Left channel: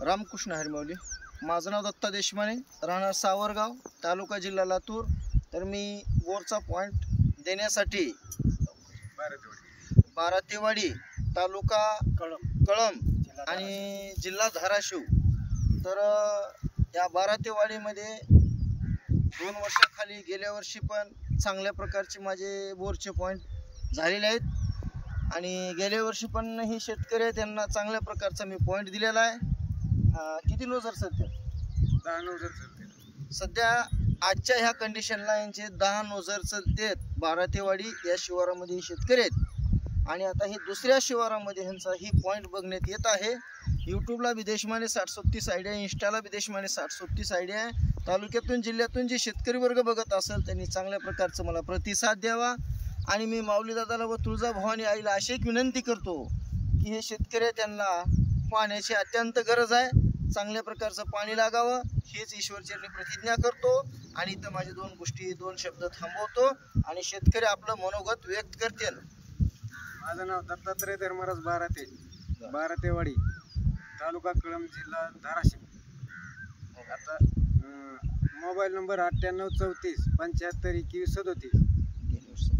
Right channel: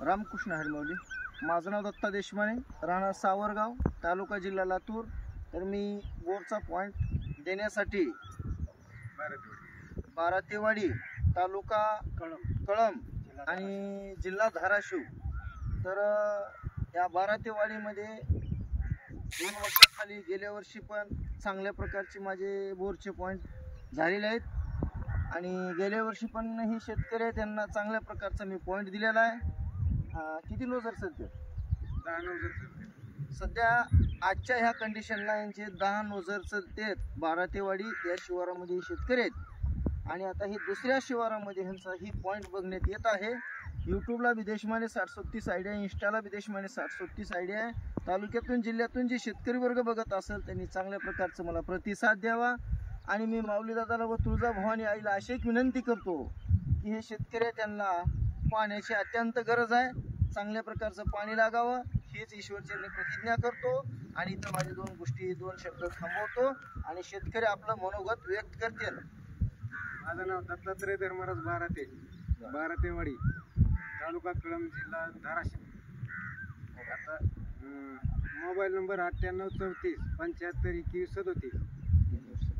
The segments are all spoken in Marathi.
रामकृष्ण हरिमावली. माझं नाव दत्ता देशमाने, राहणार सावरगाव, तालुका जिल्हा लातूर. तर मी बोरचा पॉईंट देण्यासाठी बारातेवाडी तालुका कळंब आणि जिल्हा धाराशिव. तर या बारातेवाडीमध्ये 2 वर्षाखाली गेल्या वर्षी पण चांगल्या प्रकारचे माझे बोरचे पॉईंट झालेले आहेत. आणि गेल्या वर्षी पण ही शेतकरी आहे, त्यांना चांगल्या प्रकारचा मी पॉईंट दिलेला आहे. किती नोजर सध्या? 10 नोजर चालते सध्या. आजच्या ह्या कंडिशनला यांचे 10 नोजर चालते. बारातेवाडी या शिवारामध्ये शेतकरी आहेत. आणि आता ही दुसऱ्या शिवारामध्ये ह्यांचा ही पॉईंट बघण्यात येत आहे. यूट्यूबला बी देशमाने 60-37 आयडिया, इंस्टाला बी देशमाने 60-37 आयडिया आहे. तालुक्यातून जिल्ह्यातून जे शेतकरी वर्ग बघत असेल त्यांनी चांगल्या प्रकारचं मला प्रतिसाद द्यावा. आणि मी माऊली दादाला व तुळजाभवानी आईला अशी एक विनंती करतो की हे शेतकरी त्यांना पाण्याची अत्यंत गरज आहे. चांगल्या प्रकारचं पाणी लागावं हीच ईश्वरचरणी प्रतिज्ञा करतो. आणि इथं माझे 2 शब्द थांबवतो आणि शेतकरी आपलं मनोगत व्यक्त करते. माझं नाव दत्तात्रय धर्मराज बारातेवाडी, तालुका कळंब, जिल्हा धाराशिव. आता मोबाईल नंबर 9834 75 21 37.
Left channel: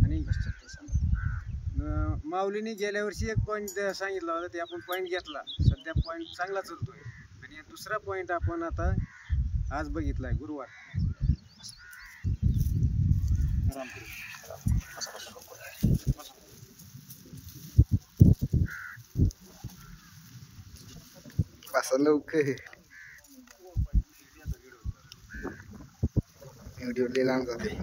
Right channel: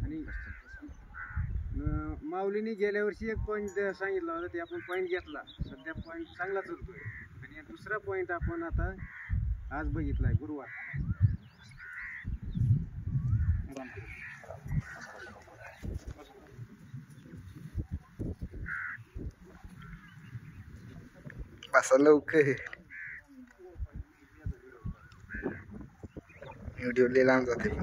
आणि माऊलीने गेल्या वर्षी एक पॉईंट सांगितला होता, ते आपण पॉईंट घेतला. सध्या पॉईंट चांगला चालतोय. आणि दुसरा पॉईंट आपण आता आज बघितलाय गुरुवार. बसा लवकर, व्हिडिओ लय लांब जातील.